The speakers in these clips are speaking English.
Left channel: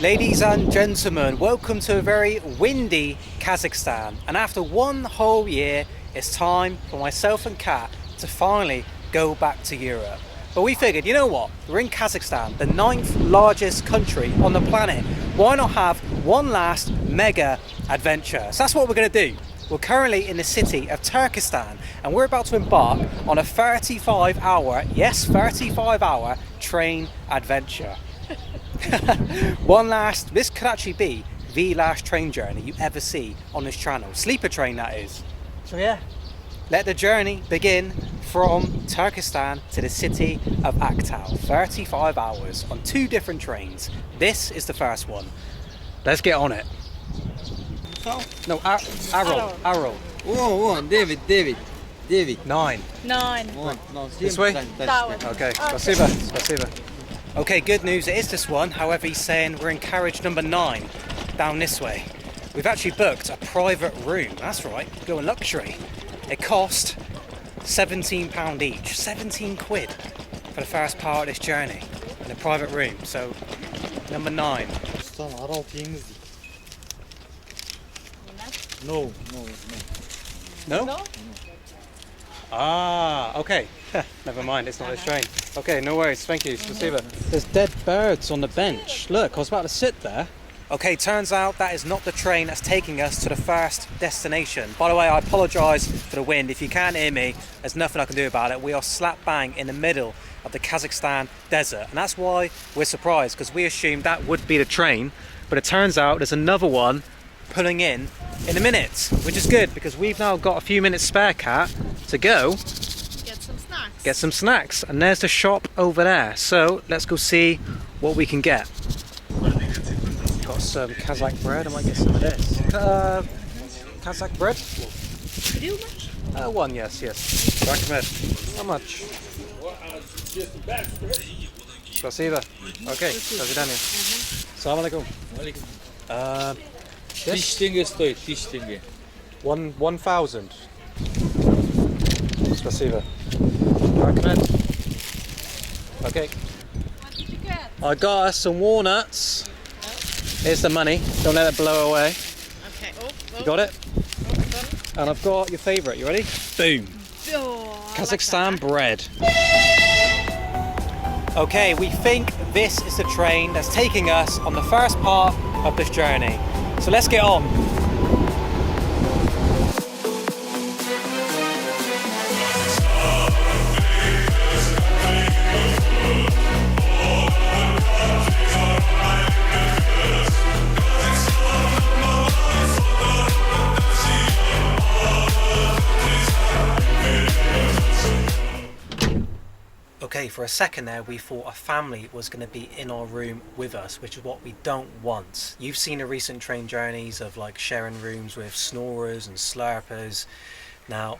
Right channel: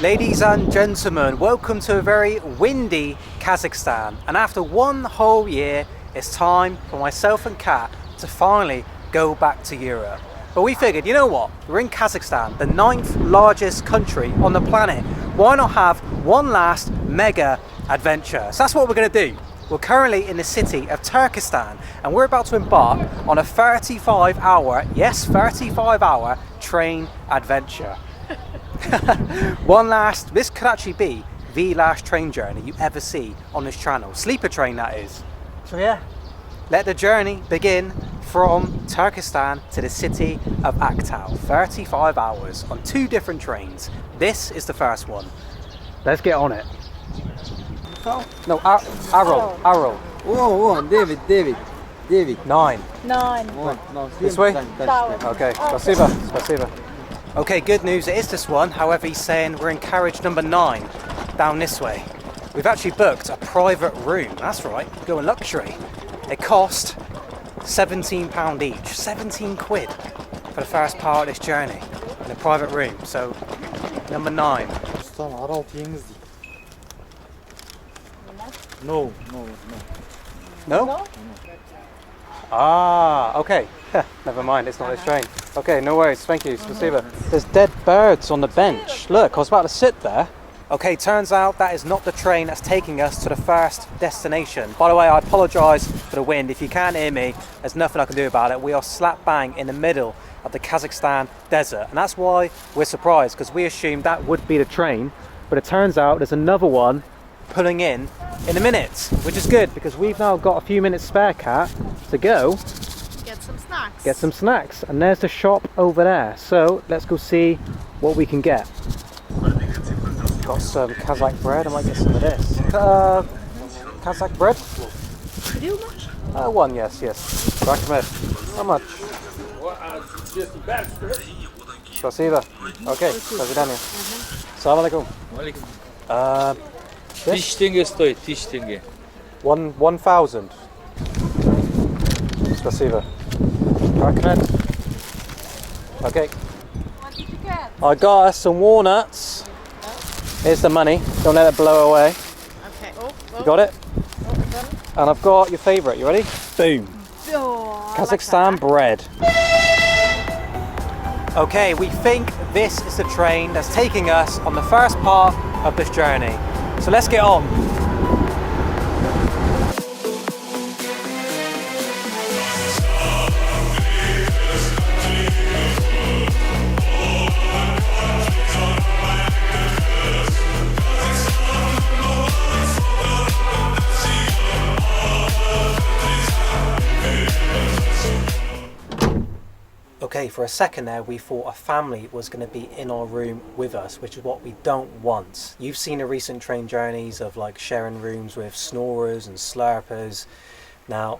Ladies and gentlemen, welcome to a very windy Kazakhstan, and after one whole year it's time for myself and Kat to finally go back to Europe. But we figured, you know what, we're in Kazakhstan, the 9th largest country on the planet. Why not have one last mega adventure? So that's what we're going to do. We're currently in the city of Turkestan and we're about to embark on a 35-hour, yes, 35-hour train adventure. This could actually be the last train journey you ever see on this channel. Sleeper train, that is. So yeah, let the journey begin from Turkestan to the city of Aktau. 35 hours on 2 different trains. This is the first one. Let's get on it. No, Aral. Oh, David. 9. No, This way? That's Okay, spasiba. Okay, good news, it is this one. However, he's saying we're in carriage number 9, down this way. We've actually booked a private room. That's right, going luxury. It cost £17 each, 17 quid for the first part of this journey in a private room. So, number 9. Aral No. No? Ah, okay. Never mind, it's not this train. Okay, no worries, thank you, spasiba. There's dead birds on the bench. Look, I was about to sit there. Okay, turns out that is not the train that's taking us to the first destination. By the way, I apologise for the wind. If you can't hear me, there's nothing I can do about it. We are slap bang in the middle of the Kazakhstan desert. And that's why we're surprised, because we assumed that would be the train. But it turns out there's another one pulling in a minute, which is good, because we've now got a few minutes spare, Kat, to go get some snacks. And there's the shop over there. So let's go see what we can get. Got some Kazakh bread. I might get some of this. Kazakh bread? One, yes. How much? Spasiba. Okay, до свидания. Assalamu alaikum. Тысяч тенге стоит, 1000 тенге. 1,000. Spasiba. Okay. What did you get? I got us some walnuts. Here's the money. Don't let it blow away. Okay. You got it? And I've got your favourite. You ready? Boom. Kazakhstan bread. Okay, we think this is the train that's taking us on the first part of this journey. So let's get on. Okay, for a second there we thought a family was going to be in our room with us, which is what we don't want. You've seen the recent train journeys of like sharing rooms with snorers and slurpers. Now,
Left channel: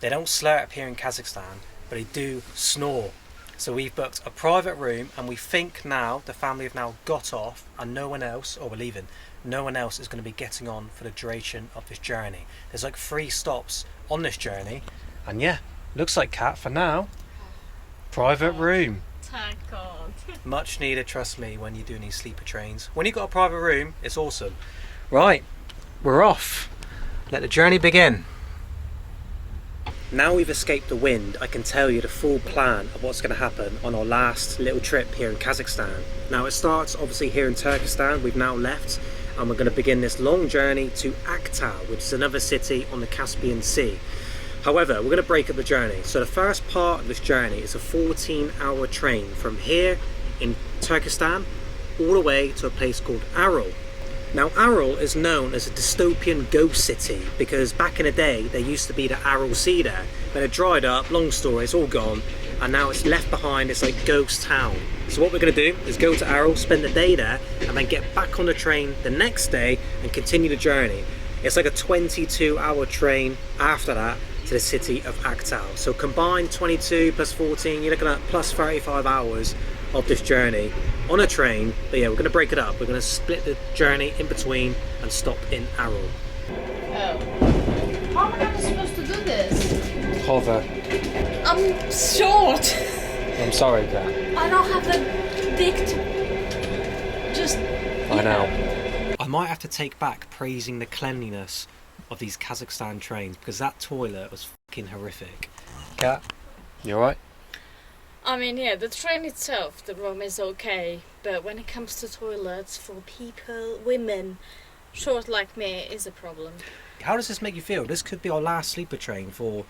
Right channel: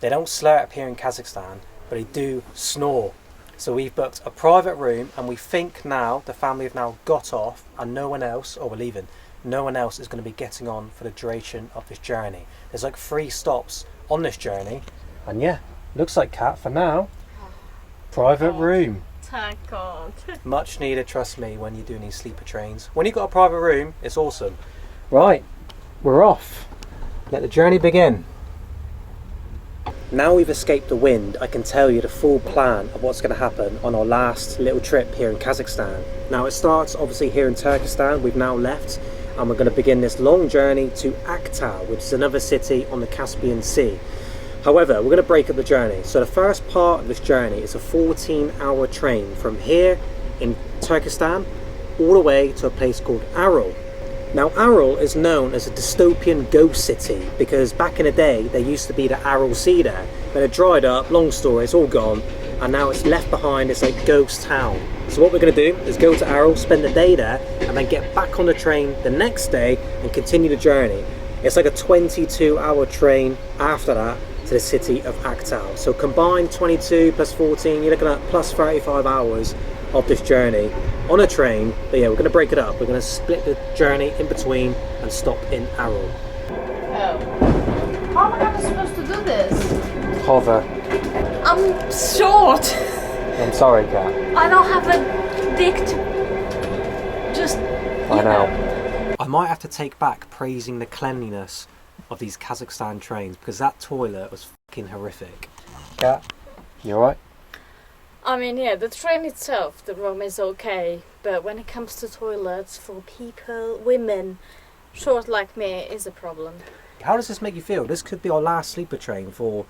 they don't slurp here in Kazakhstan, but they do snore. So we've booked a private room, and we think now the family have now got off and no one else, or we're leaving, no one else is going to be getting on for the duration of this journey. There's like 3 stops on this journey, and yeah, looks like, Kat, for now, private room. Much needed, trust me, when you're doing these sleeper trains. When you've got a private room, it's awesome. Right, we're off. Let the journey begin. Now we've escaped the wind, I can tell you the full plan of what's going to happen on our last little trip here in Kazakhstan. Now it starts obviously here in Turkestan. We've now left and we're going to begin this long journey to Aktau, which is another city on the Caspian Sea. However, we're going to break up the journey. So the first part of this journey is a 14-hour train from here in Turkestan all the way to a place called Aral. Now Aral is known as a dystopian ghost city because back in the day there used to be the Aral Sea there, but it dried up, long story, it's all gone, and now it's left behind this like ghost town. So what we're going to do is go to Aral, spend the day there, and then get back on the train the next day and continue the journey. It's like a 22-hour train after that to the city of Aktau. So combined 22 plus 14, you're looking at plus 35 hours of this journey on a train. But yeah, we're going to break it up. We're going to split the journey in between and stop in Aral. Oh. How am I supposed to do this? hover. I'm short. I'm sorry, Kat. I don't have a dick to just. I know. I might have to take back praising the cleanliness of these Kazakhstan trains because that toilet was fucking horrific. Kat, you alright? I mean, yeah, the train itself, the room is okay, but when it comes to toilets for people, women, short like me, is a problem. How does this make you feel? This could be our last sleeper train for,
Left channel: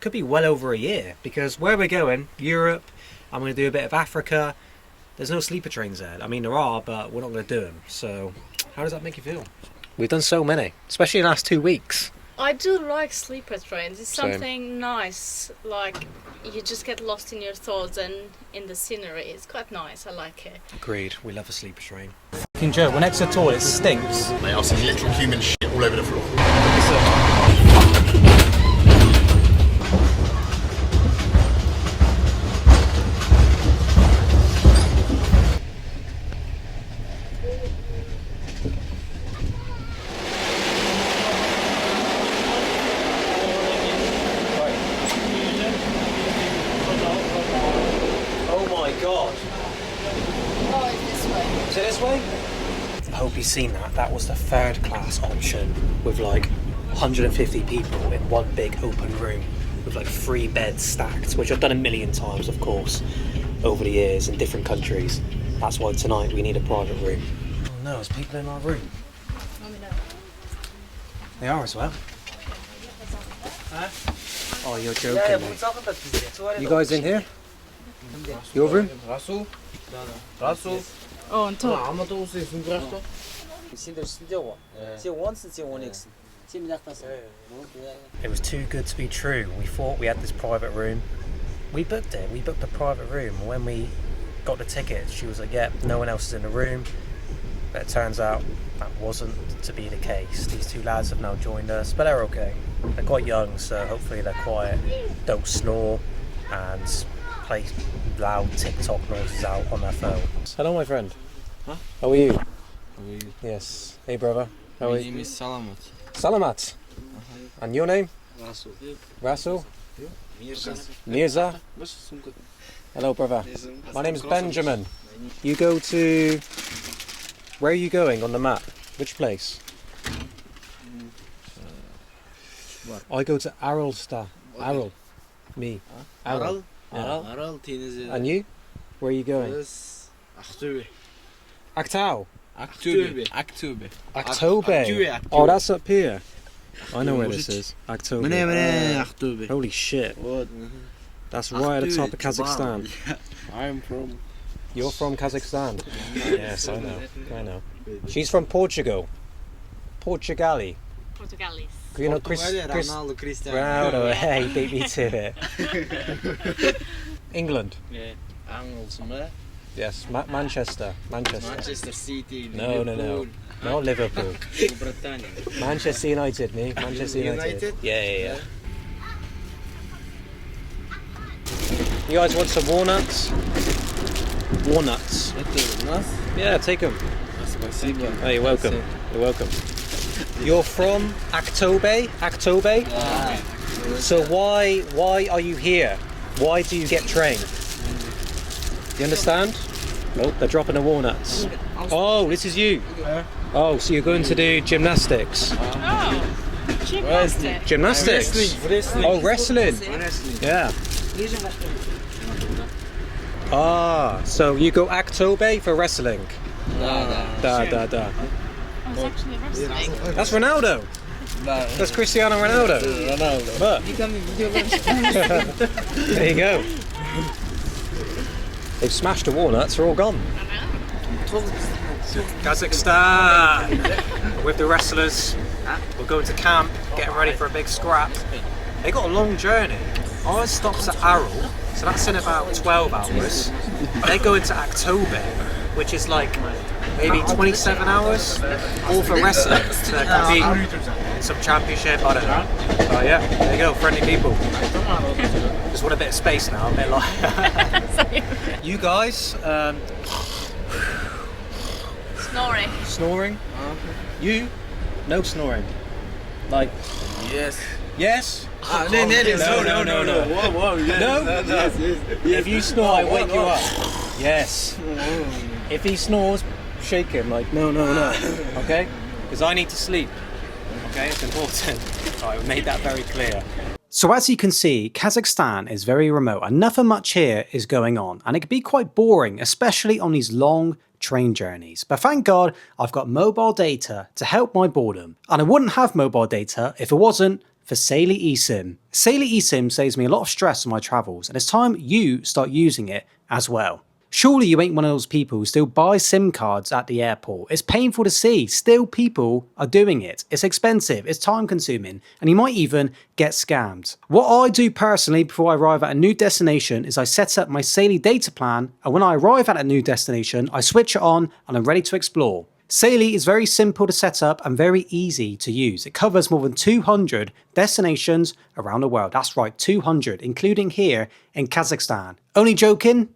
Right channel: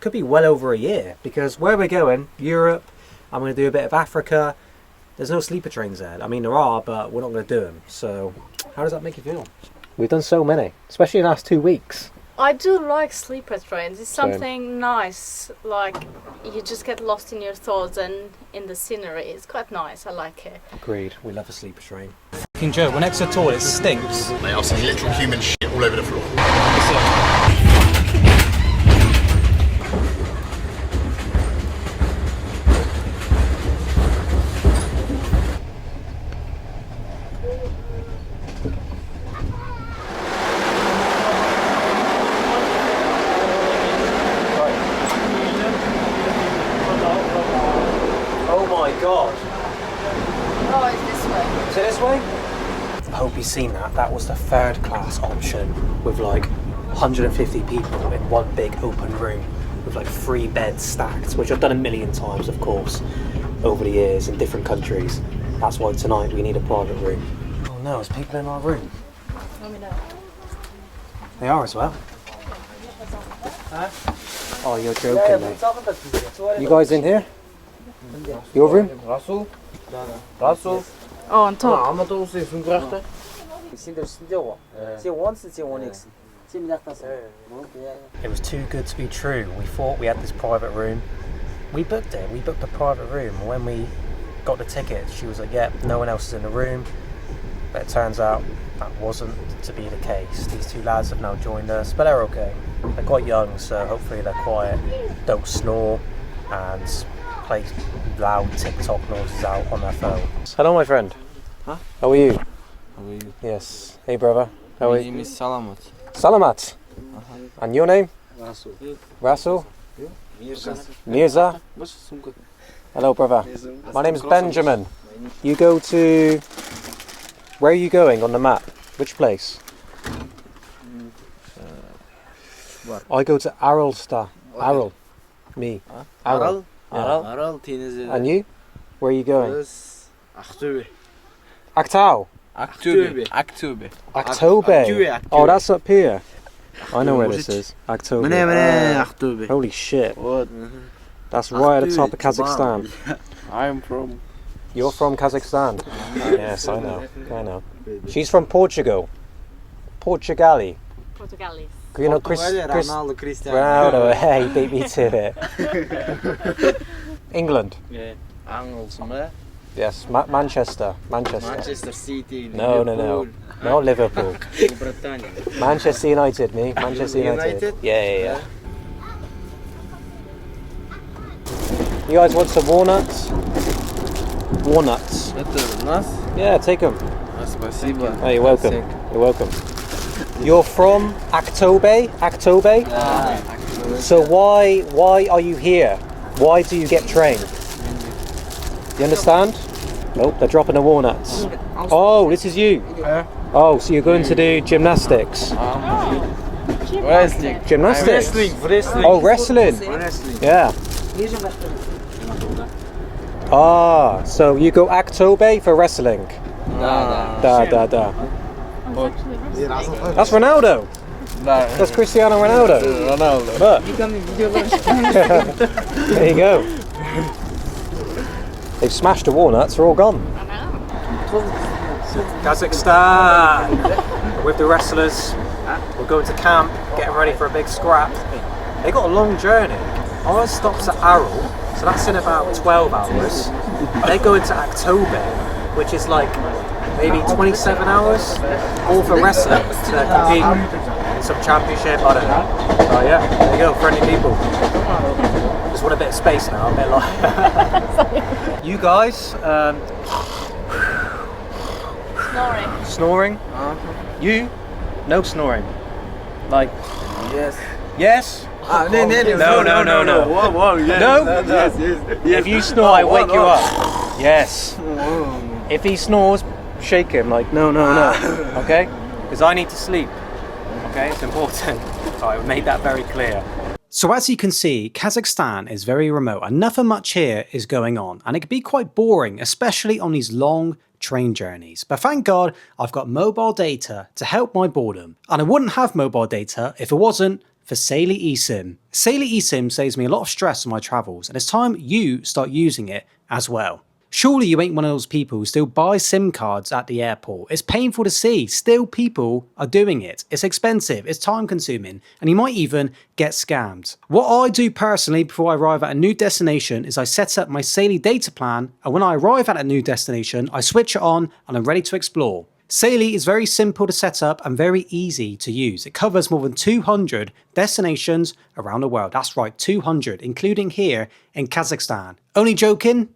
could be well over a year because where we're going, Europe, I'm going to do a bit of Africa. There's no sleeper trains there. I mean, there are, but we're not going to do them. So, how does that make you feel? We've done so many, especially in the last 2 weeks. I do like sleeper trains. It's Same. something nice, like you just get lost in your thoughts and in the scenery. It's quite nice. I like it. Agreed. We love a sleeper train. King Joe, we're next to the toilet. It stinks. Mate, I've seen literal human shit all over the floor. Oh my god. Oh, it's this way. Is it this way? I hope you've seen that. That was the third class option with like 150 people in one big open room with like 3 beds stacked, which I've done a million times, of course, over the years in different countries. That's why tonight we need a private room. Oh no, there's people in our room. They are as well. Oh, you're joking me. You guys in here? Your room? Расул. Расул. Oh, on top. Алматы осы сын құрақты. Сендер үстінде ғой. Сен 10-сың, сен 12-сің. Сен мына жақтасың. It was too good to be true. We thought we had this private room. We booked it. We booked a private room. When we got the tickets, she was like, "Yep, no one else is in the room." But it turns out that wasn't to be the case. These 2 lads have now joined us, but they're okay. They're quite young, so hopefully they're quiet, don't snore, and play loud TikTok noises out on their phones. Hello, my friend. Huh? How are you? How are you? Yes. Hey, brother. How are My you? name is Salamat. Salamat. And your name? Расул. Rasul? Мирза. Mirza? Hello, brother. My name is Benjamin. You go to... Where are you going on the map? Which place? I go to Aral. Aral. Me. Aral. Aral. Aral теңізі. And you? Where are you going? Біз Ақтөбе. Aktau. Ақтөбе. Ақтөбе. Aktobe. Oh, that's up here. I know where this is. Aktobe. Міне Ақтөбе. Holy shit. Вот. That's right at the top of Kazakhstan. I'm from. You're from Kazakhstan. Yes, I know. I know. She's from Portugal. Portugali. Portugalis. You know, Chris Ronaldo, Cristiano. Ronaldo. Hey, beat me to it. England. Yeah. Angles, man. Yes, Manchester. Manchester City. No. Not Liverpool. Britannia. Manchester United, me. Manchester United. United? Yeah. You guys want some walnuts? Walnuts. Это у нас. Yeah, take them. Спасибо. Oh, you're welcome. You're welcome. You're from Aktobe? Aktobe? Yeah. So why are you here? Why do you get trained? You understand? Nope, they're dropping the walnuts. Oh, this is you. Oh, so you're going to do gymnastics. Wrestling. Gymnastics? Wrestling. Oh, wrestling. Yeah. Ah, so you go Aktobe for wrestling. Da. Oh, it's actually wrestling. That's Ronaldo. That's Cristiano Ronaldo. Ronaldo. Look. There you go. They've smashed the walnuts, they're all gone. Kazakhstan! We're with the wrestlers. We're going to camp, getting ready for a big scrap. They got a long journey. Ours stops at Aral, so that's in about 12 hours. They go into Aktobe, which is like maybe 27 hours, all for wrestling. So they're competing in some championship, I don't know. Oh yeah, there you go, friendly people. Just want a bit of space now, a bit like... You guys, Snoring. snoring? You? No snoring. Like, Yes. Yes? Ah, no. Whoa, yes. No? Yes. If you snore, I wake you up. Yes. If he snores, shake him like, no. Okay? Because I need to sleep. Okay, it's important. So I made that very clear. So as you can see, Kazakhstan is very remote and nothing much here is going on. And it can be quite boring, especially on these long train journeys. But thank God I've got mobile data to help my boredom. And I wouldn't have mobile data if it wasn't for Saily eSIM. Saily eSIM saves me a lot of stress on my travels, and it's time you start using it as well. Surely you ain't one of those people who still buy SIM cards at the airport. It's painful to see. Still people are doing it. It's expensive, it's time consuming, and you might even get scammed. What I do personally before I arrive at a new destination is I set up my Saily data plan, and when I arrive at a new destination, I switch it on and I'm ready to explore. Saily is very simple to set up and very easy to use. It covers more than 200 destinations around the world. That's right, 200, including here in Kazakhstan. Only joking?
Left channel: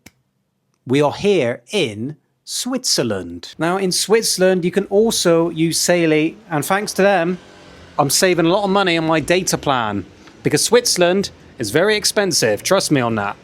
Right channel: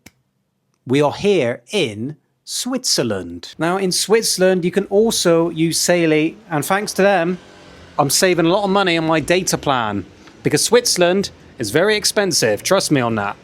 We are here in Switzerland. Now in Switzerland, you can also use Saily, and thanks to them, I'm saving a lot of money on my data plan because Switzerland is very expensive. Trust me on that.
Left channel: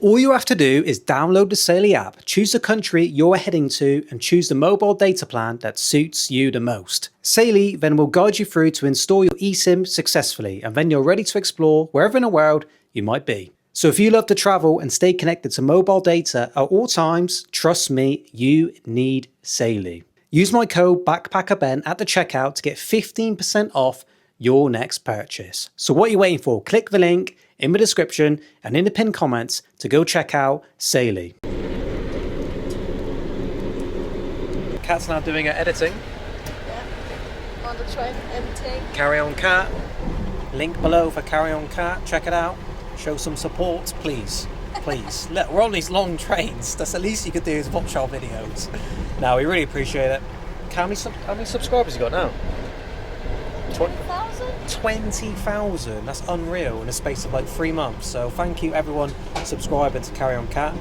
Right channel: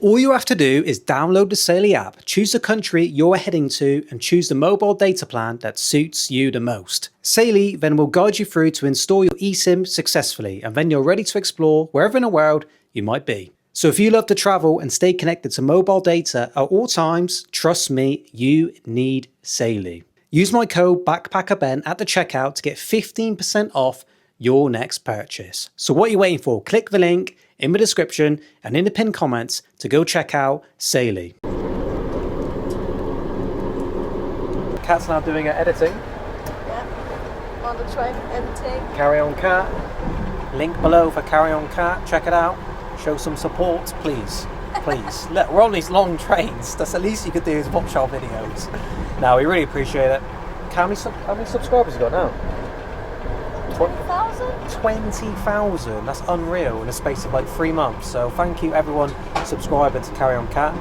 All you have to do is download the Saily app, choose the country you're heading to, and choose the mobile data plan that suits you the most. Saily then will guide you through to install your eSIM successfully, and then you're ready to explore wherever in the world you might be. So if you love to travel and stay connected to mobile data at all times, trust me, you need Saily. Use my code BackpackerBen at the checkout to get 15% off your next purchase. So what are you waiting for? Click the link in the description and in the pinned comments to go check out Saily. Kat's now doing her editing. On the train, editing. Carry On Cat. Link below for Carry On Cat. Check it out. Show some support, please. Please. Look, we're on these long trains. That's the least you could do is watch our videos. No, we really appreciate it. How many subscribers you got now? 20,000? 20,000. That's unreal in a space of like 3 months. So thank you everyone subscribing to Carry On Cat.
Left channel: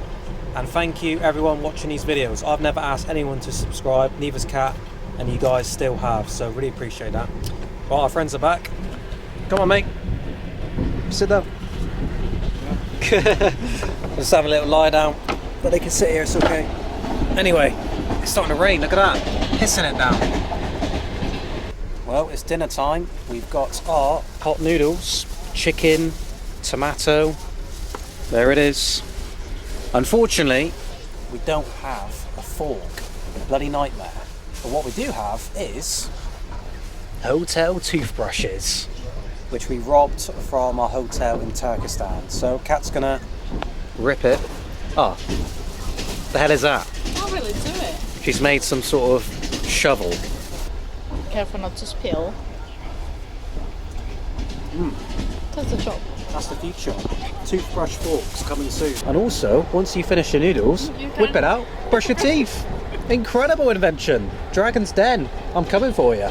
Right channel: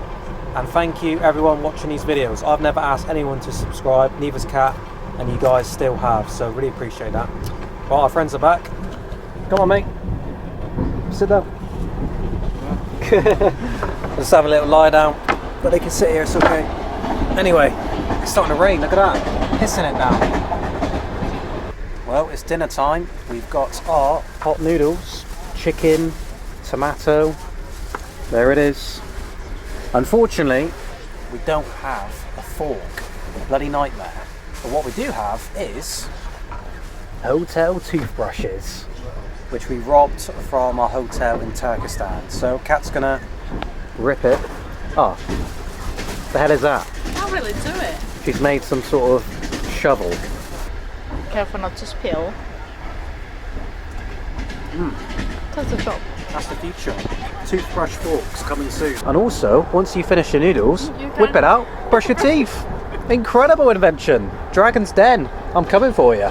And thank you everyone watching these videos. I've never asked anyone to subscribe, neither's Cat, and you guys still have. So really appreciate that. Right, our friends are back. Come on, mate. Sit down. Just have a little lie down, but they can sit here, it's okay. Anyway, it's starting to rain, look at that, pissing it down. Well, it's dinner time. We've got our hot noodles, chicken, tomato, there it is. Unfortunately, we don't have a fork, a bloody nightmare. But what we do have is hotel toothbrushes, which we robbed from our hotel in Turkestan. So Kat's gonna rip it. Oh, the hell is that? Can't really do it. She's made some sort of shovel. Careful not to spill. That's the job. That's the future. Toothbrush forks coming soon. And also, once you finish your noodles, whip it out, brush your teeth. Incredible invention. Dragon's Den. I'm coming for you.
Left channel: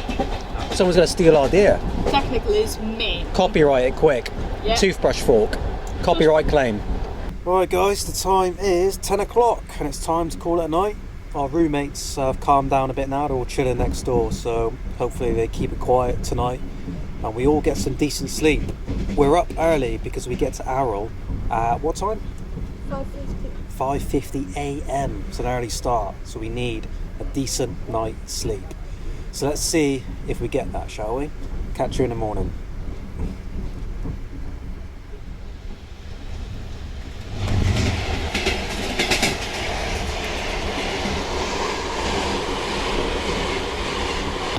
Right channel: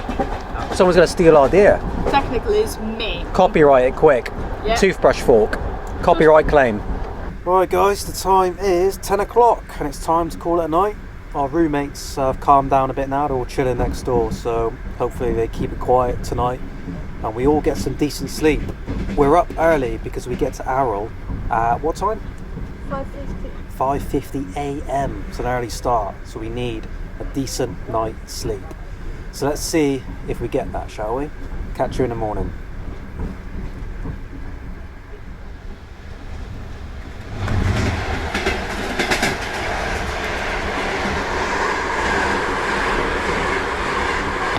Someone's gonna steal our idea. Technically, it's me. Copyright it quick. Yeah. Toothbrush fork. Copyright claim. Right guys, the time is 10 o'clock and it's time to call it a night. Our roommates have calmed down a bit now, they're all chilling next door, so hopefully they keep it quiet tonight and we all get some decent sleep. We're up early because we get to Aral at what time? 5:50 a.m. It's an early start, so we need a decent night's sleep. So let's see if we get that, shall we? Catch you in the morning.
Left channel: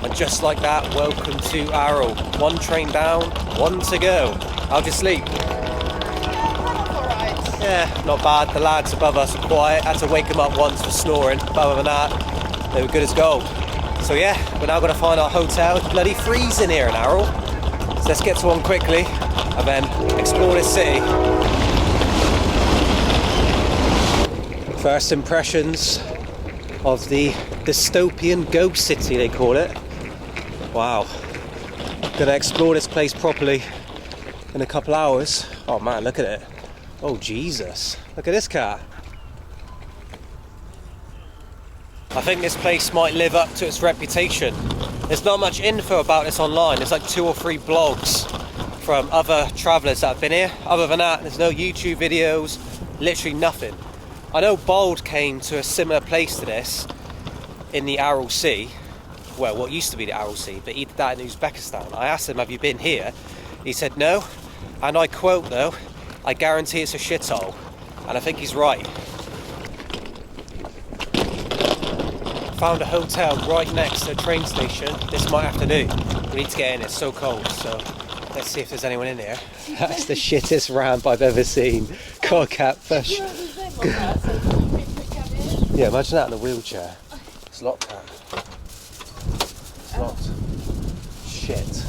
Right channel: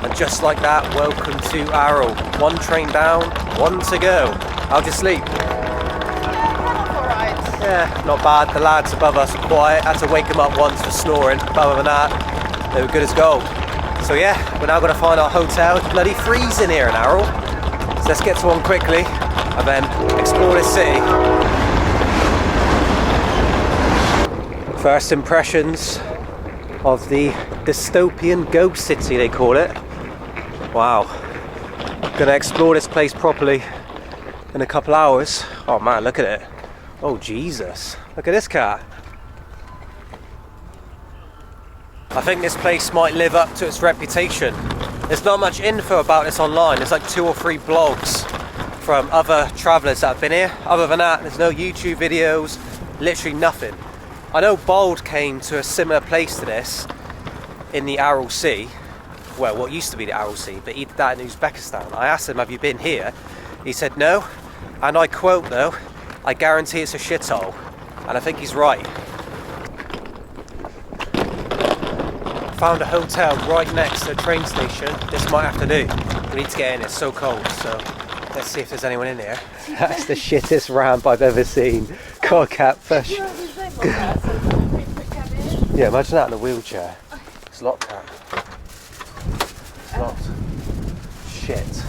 And just like that, welcome to Aral. One train down, one to go. How'd you sleep? Yeah, not bad. The lads above us are quiet. Had to wake them up once for snoring. But other than that, they were good as gold. So yeah, we're now going to find our hotel. It's bloody freezing here in Aral. So let's get to one quickly and then explore this city. First impressions of the dystopian ghost city, they call it. Wow. Gonna explore this place properly in a couple hours. Oh man, look at it. Oh Jesus, look at this cat. I think this place might live up to its reputation. There's not much info about this online. There's like 2 or 3 blogs from other travellers that have been here. Other than that, there's no YouTube videos, literally nothing. I know Bold came to a similar place to this in the Aral Sea, well, what used to be the Aral Sea, but he did that in Uzbekistan. I asked him, have you been here? He said no, and I quote though, I guarantee it's a shithole, and I think he's right. Found a hotel right next to a train station. This might have to do. We need to get in, it's so cold, so let's see if there's anyone in here. That's the shittest ramp I've ever seen. God, catfish. Yeah, imagine that in a wheelchair. It's locked, Cat. It's locked. Shit.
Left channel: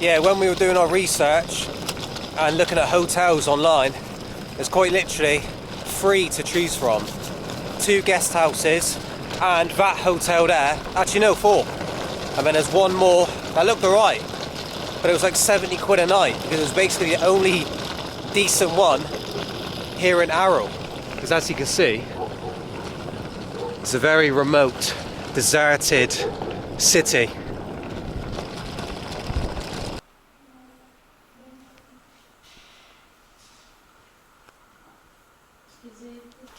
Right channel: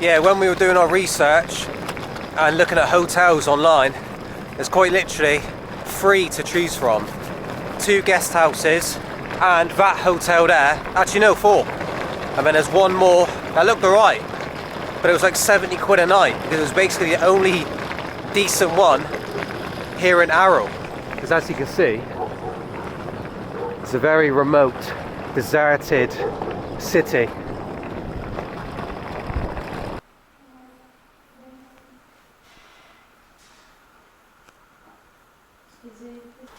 Yeah, when we were doing our research and looking at hotels online, there's quite literally 3 to choose from. 2 guest houses and that hotel there. Actually no, 4. And then there's one more that looked alright, but it was like 70 quid a night because it was basically the only decent one here in Aral. Because as you can see, it's a very remote, deserted city.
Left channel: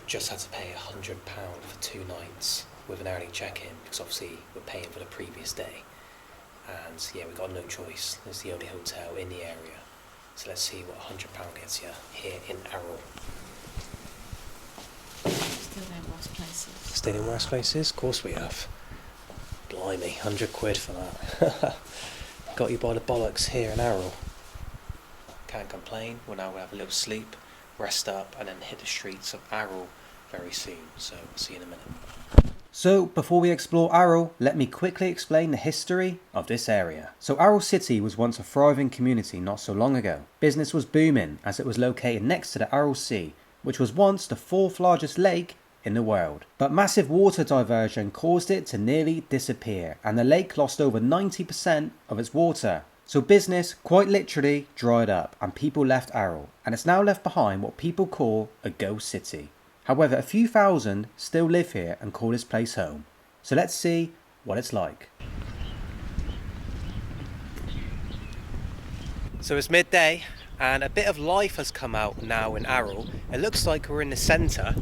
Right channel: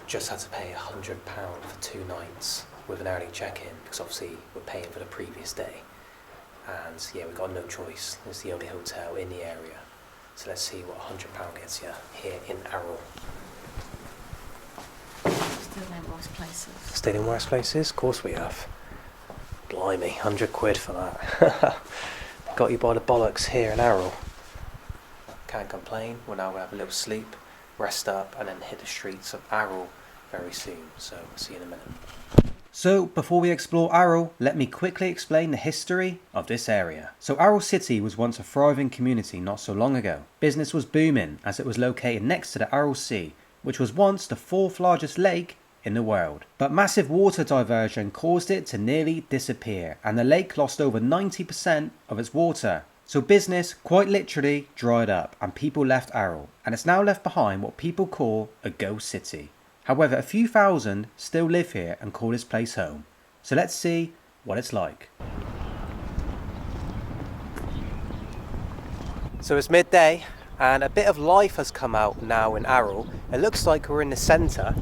Just had to pay £100 for 2 nights with an early check-in because obviously we're paying for the previous day. And yeah, we got no choice. It's the only hotel in the area. So let's see what £100 gets you here in Aral. Still in worse places. Stayed in worse places? Of course we have. Blimey, 100 quid for that. Got you by the bollocks here in Aral. Can't complain. We're now going to have a little sleep, rest up, and then hit the streets of Aral very soon. So we'll see you in a minute. So before we explore Aral, let me quickly explain the history of this area. So Aral City was once a thriving community not so long ago. Business was booming as it was located next to the Aral Sea, which was once the 4th largest lake in the world. But massive water diversion caused it to nearly disappear, and the lake lost over 90% of its water. So business quite literally dried up and people left Aral, and it's now left behind what people call a ghost city. However, a few thousand still live here and call this place home. So let's see what it's like. So it's midday and a bit of life has come out now in Aral. It looks like we're in the centre.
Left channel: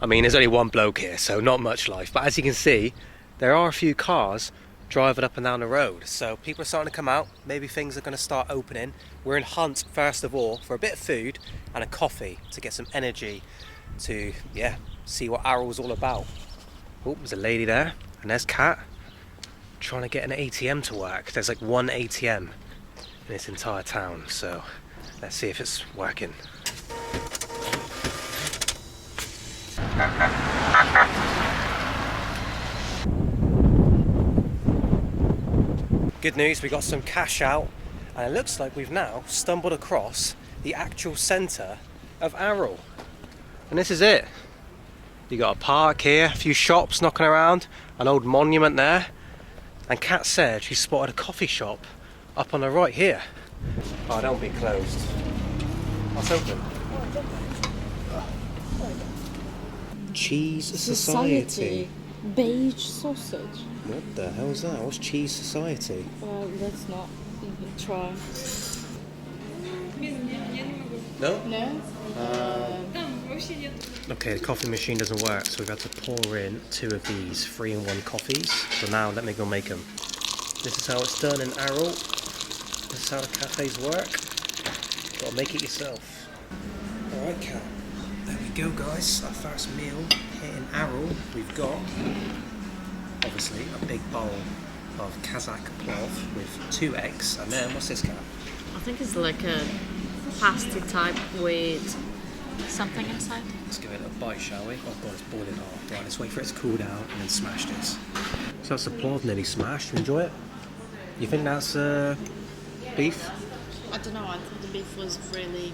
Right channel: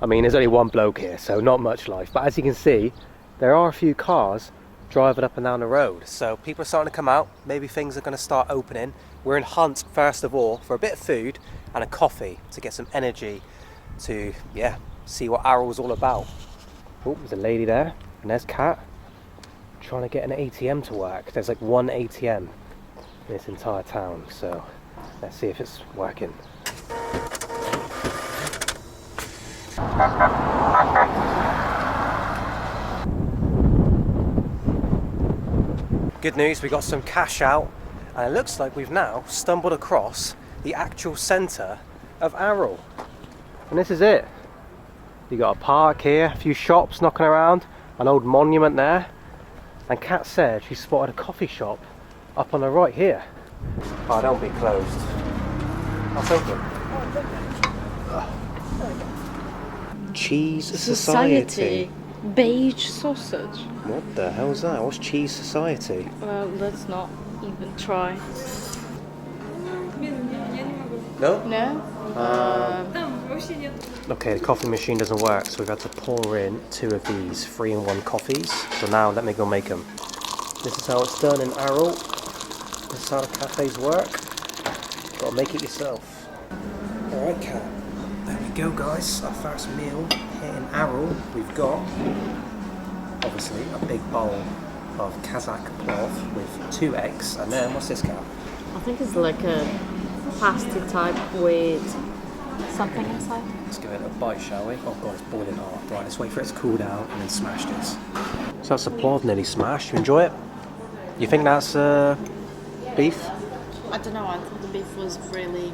I mean, there's only one bloke here, so not much life. But as you can see, there are a few cars driving up and down the road. So people are starting to come out. Maybe things are going to start opening. We're in hunt, first of all, for a bit of food and a coffee to get some energy to, yeah, see what Aral's all about. Oh, there's a lady there, and there's Kat trying to get an ATM to work. There's like one ATM in this entire town, so let's see if it's working. Good news, we got some cash out, and it looks like we've now stumbled across the actual centre of Aral. And this is it. You got a park here, a few shops knocking around, an old monument there, and Kat said she spotted a coffee shop up on the right here. Oh, don't be closed. That's open. Cheese Society. Beige sausage. What the hell's that? What's Cheese Society? Well, let's not even try. No? No? Okay, the coffee machine doesn't work, so we've had to pour in 2 of these 3-in-1 coffees. So now let me go make them. This is how it's done in Aral. This is how the cafes work. Gotta make it yourself. Alright, Kat. There we go, guys. Our first meal here in Aral. We've got, obviously, a big bowl of Kazakh plov with 2 eggs. And then, what's this, Kat? I think it's like a pasty type with something inside. Let's give it a bite, shall we? Oh god, it's boiling hot. Right, let's wait for it to cool down and then smash this. So that's the plov nearly smashed. You enjoy it? You think that's beef? I don't know, I thought the beef was really...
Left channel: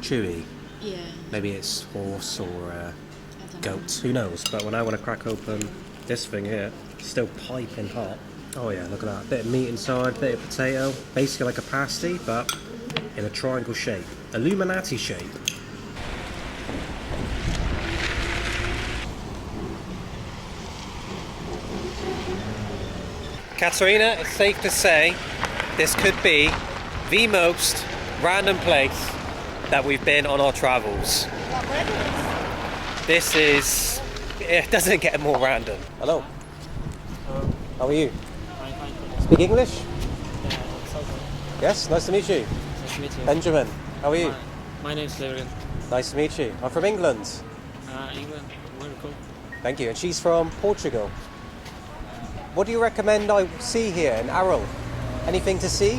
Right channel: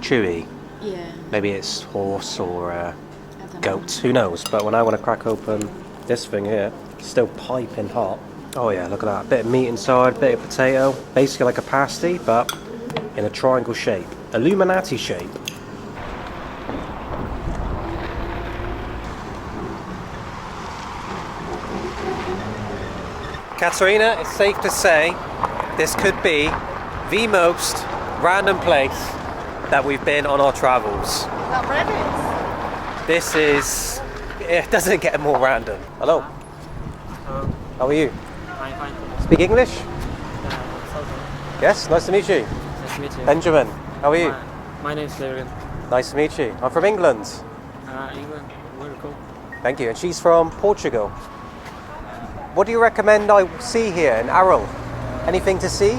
Chewy. Yeah. Maybe it's horse or I don't know. goat. Who knows? But when I want to crack open this thing here, it's still piping hot. Oh yeah, look at that. Bit of meat inside, bit of potato. Basically like a pasty, but in a triangle shape. Illuminati shape. Katerina, it's safe to say this could be the most random place that we've been on our travels. This is... it doesn't get more random. Hello. How are you? Fine. Speak English? Yes, nice to meet you. Nice to meet you. Benjamin, how are you? My name is Levin. Nice to meet you. I'm from England. England. Where to go? Thank you. And she's from Portugal. What do you recommend I see here in Aral? Anything to see?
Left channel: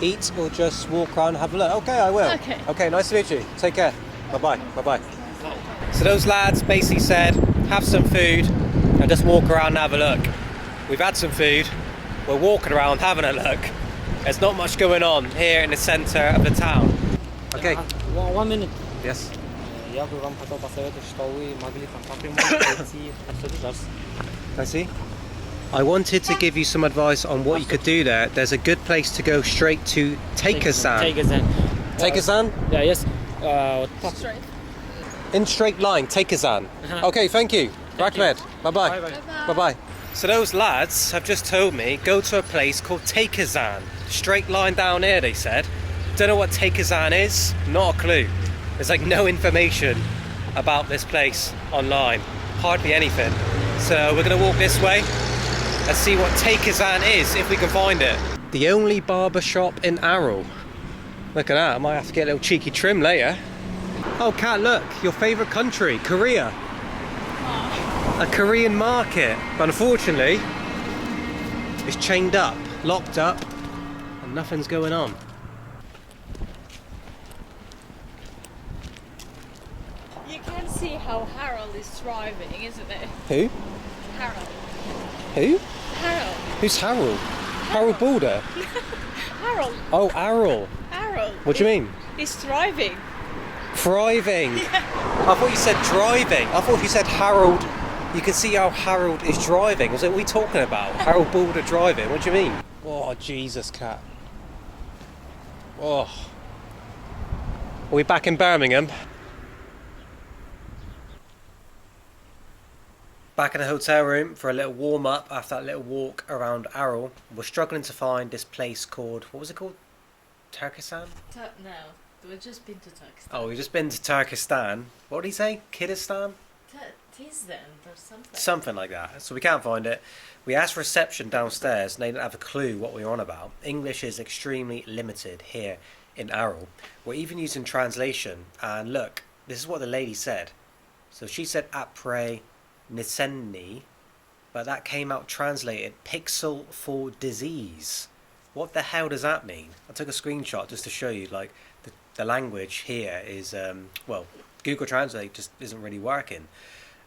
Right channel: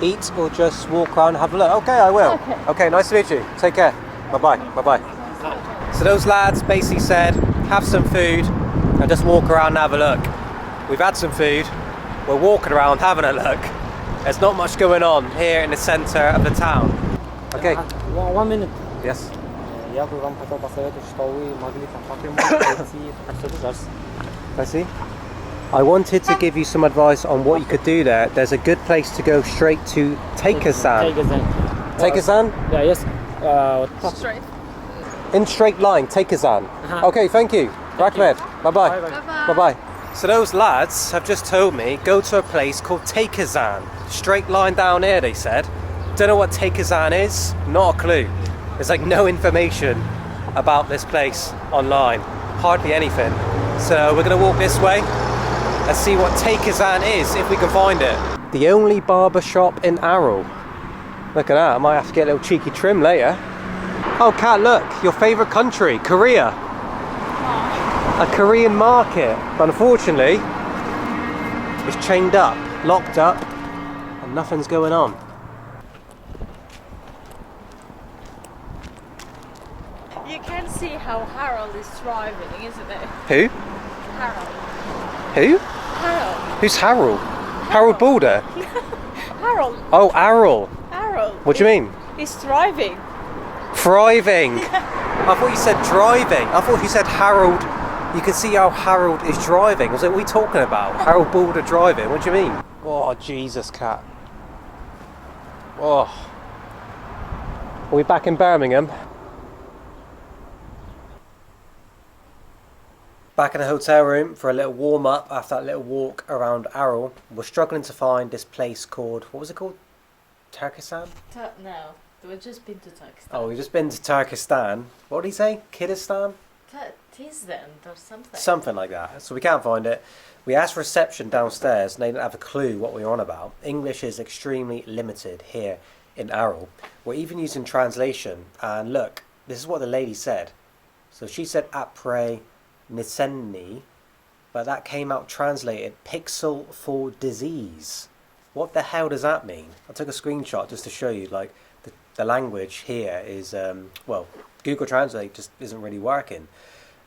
Eat or just walk around and have a look? Okay, I will. Okay, nice to meet you. Take care. Bye-bye. Bye-bye. So those lads basically said, have some food and just walk around and have a look. We've had some food. We're walking around having a look. There's not much going on here in the centre of the town. Okay. 1 minute. Yes. Я бы вам хотел посоветовать, что вы могли там по прямой пройти отсюда зараз. I see. I wanted to give you some advice on what you could do there. There's a good place to go straight to Kazakhstan. Kazakhstan. Kazakhstan? Yeah, yes. Straight. In straight line, Kazakhstan. Okay, thank you. Rahmed. Bye-bye. Bye-bye. So those lads have just told me go to a place called Kazakhstan. Straight line down here, they said. Don't know what Kazakhstan is. Not a clue. There's like no information about this place online. Hardly anything. So we're gonna walk this way and see what Kazakhstan is, if we can find it. The only barber shop in Aral. Look at that, I might have to get a little cheeky trim later. Oh Kat, look, your favourite country, Korea. A Korean market, but unfortunately, it's chained up, locked up, and nothing's going on. You can see how Harold is thriving, isn't it? Who? Harold. Who? Harold. Who's Harold? Harold Balder? Harold. Oh, Aral. Harold. What do you mean? He's thriving. Thriving. I thought you said driving. I thought you said Harold. You can see how Harold is driving. I was like, what are we talking about? Harold Balder driving? What do you mean? Oh, Jesus, Cat. Oh. Are we back in Birmingham? Back in the hotel room for a little warm up after that little walk around Aral. We're struggling to find this place called, what was it called? Turkestan? No, we've just been to Turkestan. Oh, we've just been to Turkestan. What did he say? Kyrgyzstan? Tisden or something. Something like that. So we can't find it. We asked reception downstairs and they didn't have a clue what we were on about. English is extremely limited here in Aral. We're even using translation. And look, this is what the lady said. So she said après Nisenni, but that came out translated pixel for disease. What the hell does that mean? I took a screenshot just to show you, like, the language here is, well, Google Translate just isn't really working.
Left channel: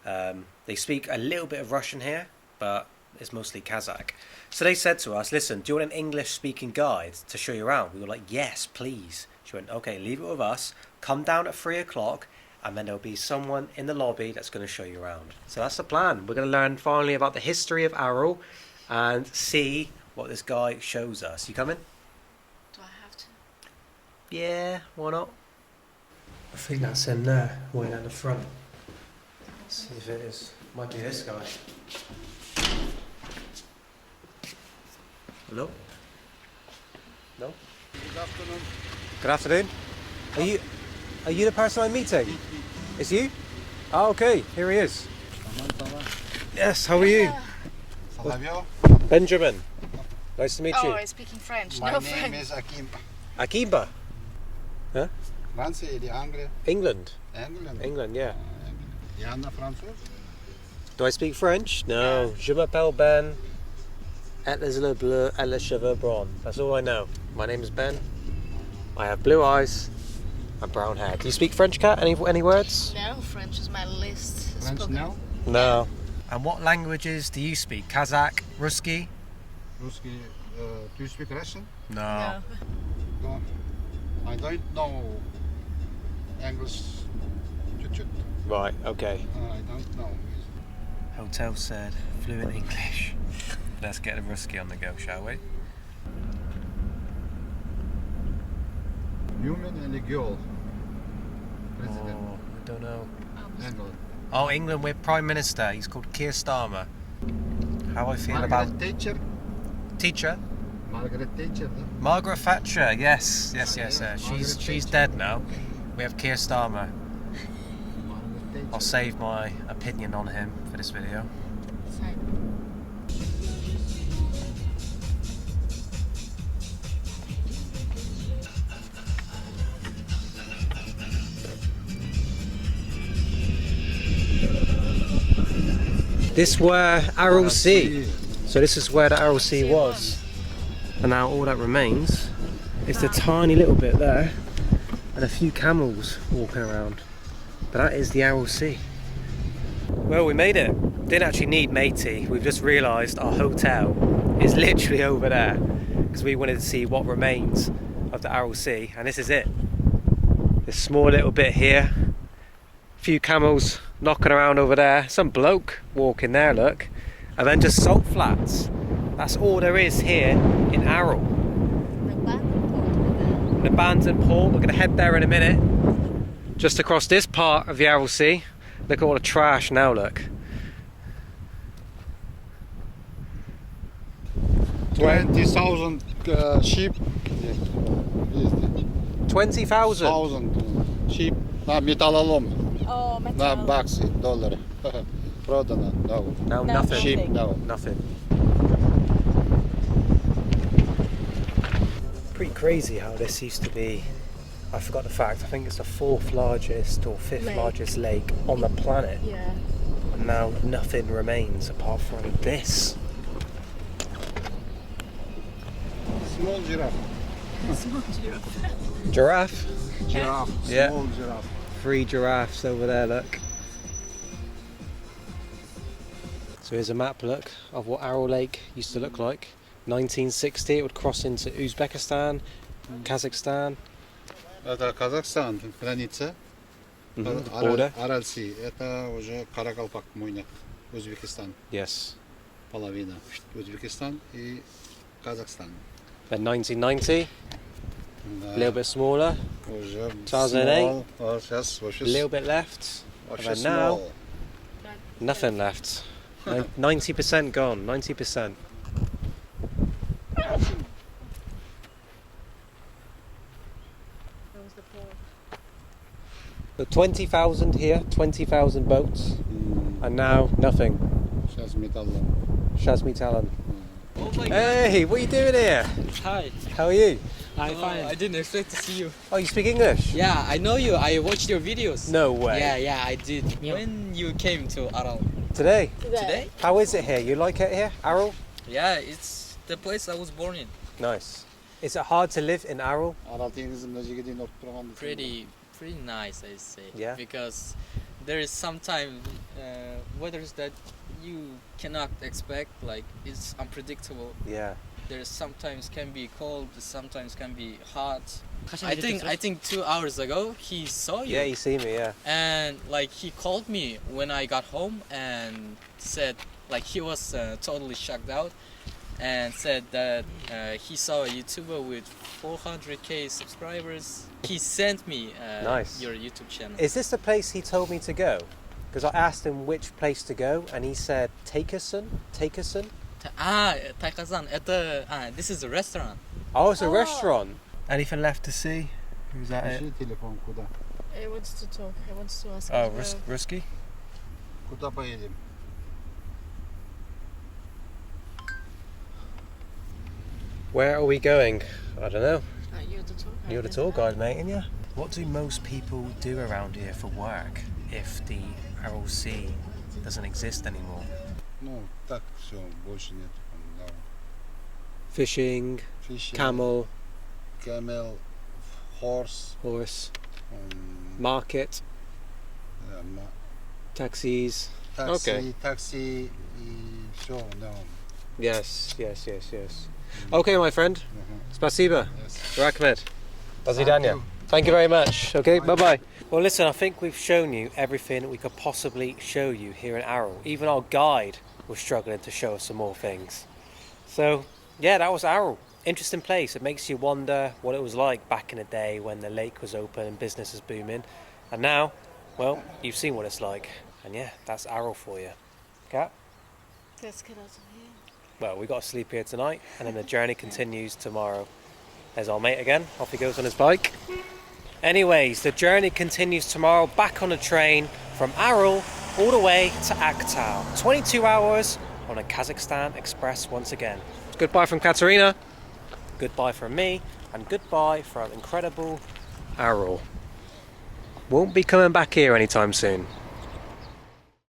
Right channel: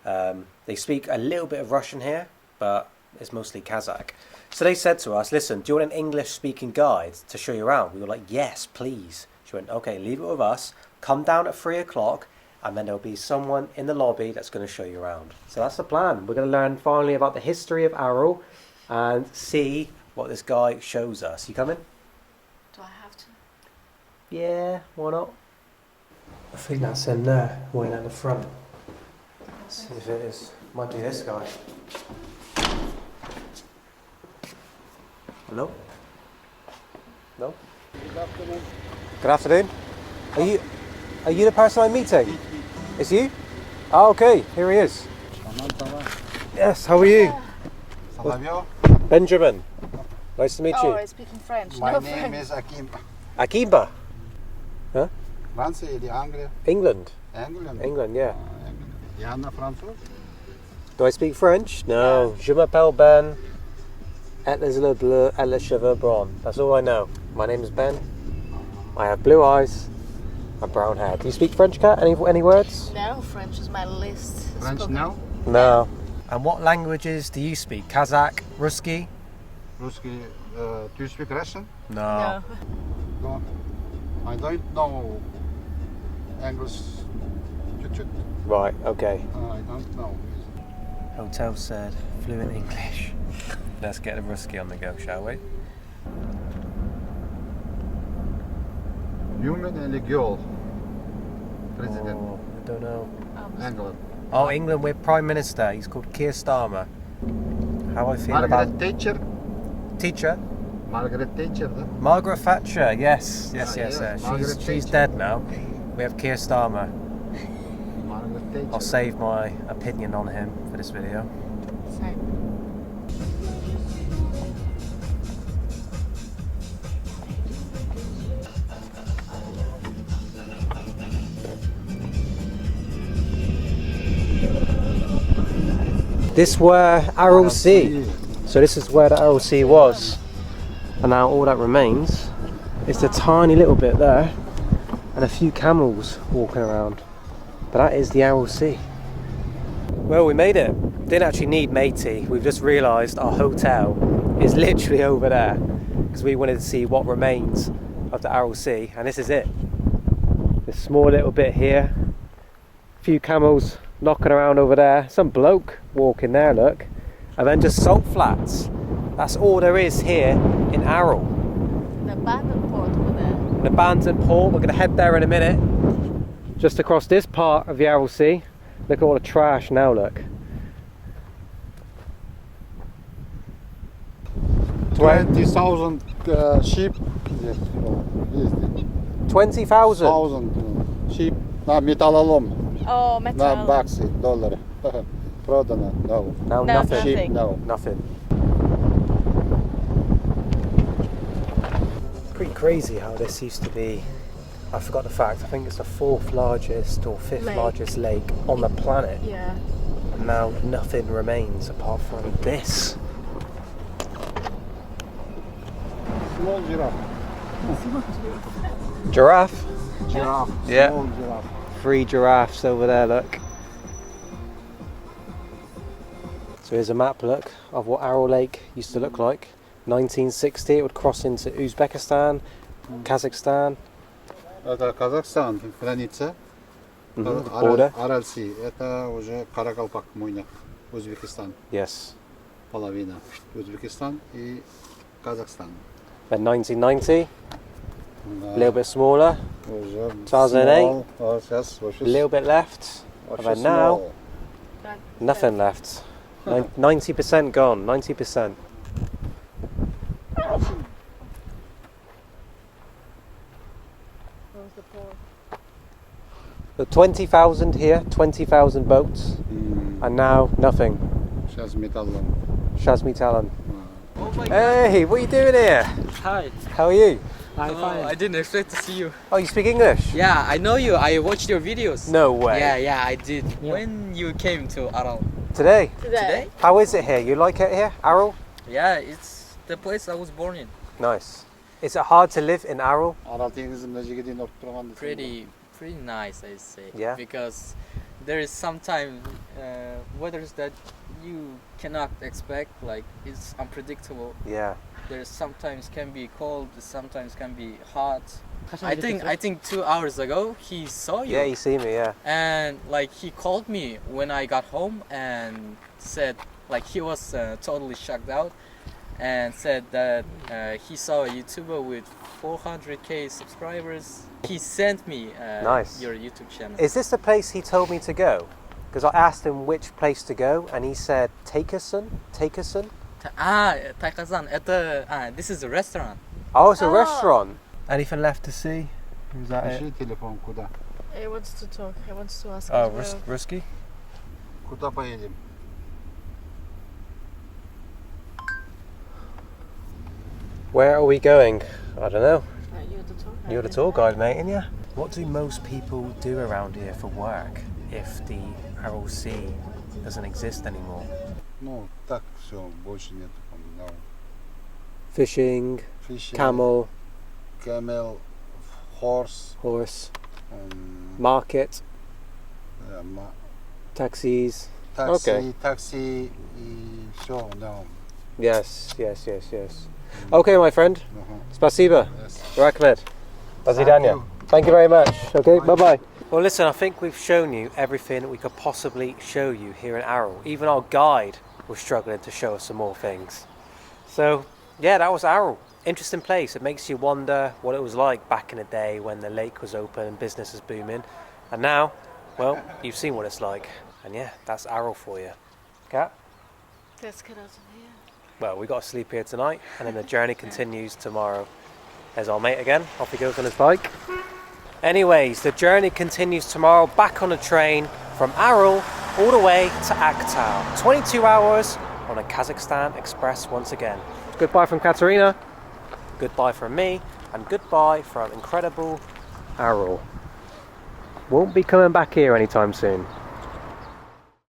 They speak a little bit of Russian here, but it's mostly Kazakh. So they said to us, listen, do you want an English-speaking guide to show you around? We were like, yes, please. She went, okay, leave it with us. Come down at 3 o'clock. And then there'll be someone in the lobby that's going to show you around. So that's the plan. We're going to learn finally about the history of Aral and see what this guy shows us. You coming? Do I have to? Yeah, why not? I think that's him there, waiting at the front. Let's see if it is. Might be this guy. Hello? No? Good afternoon. Good afternoon. Are you the person I'm meeting? It's you? Oh, okay. Here he is. Yes, how are you? Salavio. Benjamin. Nice to meet you. Oh, I'm speaking French. My no name French. is Akim. Akimba. France или Anglia? England. England. England, yeah. England. Yana François? Do I speak French? No. Je m'appelle Ben. Et les yeux bleus et les cheveux bruns. That's all I know. My name is Ben. I have blue eyes and brown hair. Do you speak French, Kat? Any words? No, French is my least French spoken. now? No. And what languages do you speak? Kazakh? Ruski? Русский. Do you speak Russian? No. No. I don't know English. Чуть-чуть. Right, okay. I don't know. Hotel said fluent English. Let's get a Ruski on the go, shall we? Human или girl? President. Oh, I don't know. England. Oh, England with Prime Minister. He's called Keir Starmer. How I feel Margaret about Thatcher. teacher? Margaret Thatcher. Huh? Margaret Thatcher. Yes. Margaret She's Thatcher. dead now. We have Keir Starmer. Margaret Thatcher. I'll save my opinion on him for this video. Same. This where Aral Sea. So this is where the Aral Sea was. And now all that remains is the tiny little bit there and a few camels walking around. But that is the Aral Sea. Well, we made it. Didn't actually need matey. We've just realised our hotel is literally over there because we wanted to see what remains of the Aral Sea, and this is it. This small little bit here. A few camels knocking around over there. Some bloke walking there, look. And then just salt flats. That's all there is here in Aral. The abandoned port over there. An abandoned port. We're going to head there in a minute. Just across this part of the Aral Sea. Look at all the trash now, look. 20,000 sheep. 20,000. 1,000 sheep. На металлолом. Oh, На metal. баксы, доллары. Продано. No. Now No, nothing. Sheep, no. Nothing. Pretty crazy how this used to be. I forgot the fact. I think it's the 4th largest or 5th Lake. largest lake on the planet. Yeah. And now nothing remains apart from this. Small giraffe. Giraffe. Giraffe. Yeah. Small giraffe. 3 giraffes over there, look. So here's a map, look, of what Aral Lake used to look like. 1960, it would cross into Uzbekistan, Kazakhstan. Это Казахстан, граница. Border. Aral Sea. Это уже Каракалпак, Мойна. Узбекистан. Yes. Половина. Узбекистан и Казахстан. Then 1990, a little bit smaller, Уже 2008. small. Сейчас a вообще little bit left, вообще and now small. nothing left. 90% gone, 90%. That was the port. So 20,000 here, 20,000 boats, and now nothing. Сейчас металлом. Shazmi Talan. Oh my god. Hey, what are you doing here? Hi. How are you? I'm fine. I didn't expect to see you. Oh, you speak English? Yeah, I know you. I watched your videos. No way. Yeah, I did. Yeah. When you came to Aral. Today? Today? How is it here? You like it here, Aral? Yeah, it's the place I was born in. Nice. Is it hard to live in Aral? Арал теңізі мына жерге дейін ұрып тұрған десем Pretty nice, I say. Yeah. Because there is sometimes weathers that you cannot expect. Like it's unpredictable. Yeah. There sometimes can be cold, sometimes can be hot. 가시나 I think 2 hours ago he saw you. Yeah, you see me, yeah. And like he called me when I got home and said like he was totally shocked out and said that he saw a YouTuber with 400k subscribers. He sent me Nice. your YouTube channel. Is this the place he told me to go? Because I asked him which place to go and he said Takerson? Taikazan, this is a restaurant. Oh, it's a Oh. restaurant. Anything left to see? Who's that it? Пиши телефон, куда? He wants to talk. He wants to ask. Oh, as well. Rusky? Куда поедем? Where are we going? I don't know. You're the tour guide. You're the tour guide, mate, ain't you? What do most people do around here for work if the Aral Sea doesn't exist anymore? Ну, так все, больше нету. No. Fishing, Fishing, camel, camel, horse, horse, market, taxis. taxi, Okay. taxi и все, no. Yes. Okay, my friend. Spasiba. Yes. Rakmed. Thank you. Thank you very much. Okay, bye-bye. Well, listen, I think we've shown you everything we could possibly show you here in Aral. Even our guide was struggling to show us some more things. So, yeah, that was Aral. Interesting place. It makes you wonder what it was like back in the day when the lake was open and business was booming. And now, well, you've seen what it's like. And yeah, that's Aral for you. Cat? Let's get out of here. Well, we got to sleep here tonight, and then the journey continues tomorrow. There's our mate again. Off he goes on his bike. Anyways, the journey continues tomorrow, back on a train from Aral all the way to Aktau. 22 hours on a Kazakhstan express once again. Goodbye from Katerina. Goodbye from me, and goodbye from incredible Aral. Won't be coming back here anytime soon.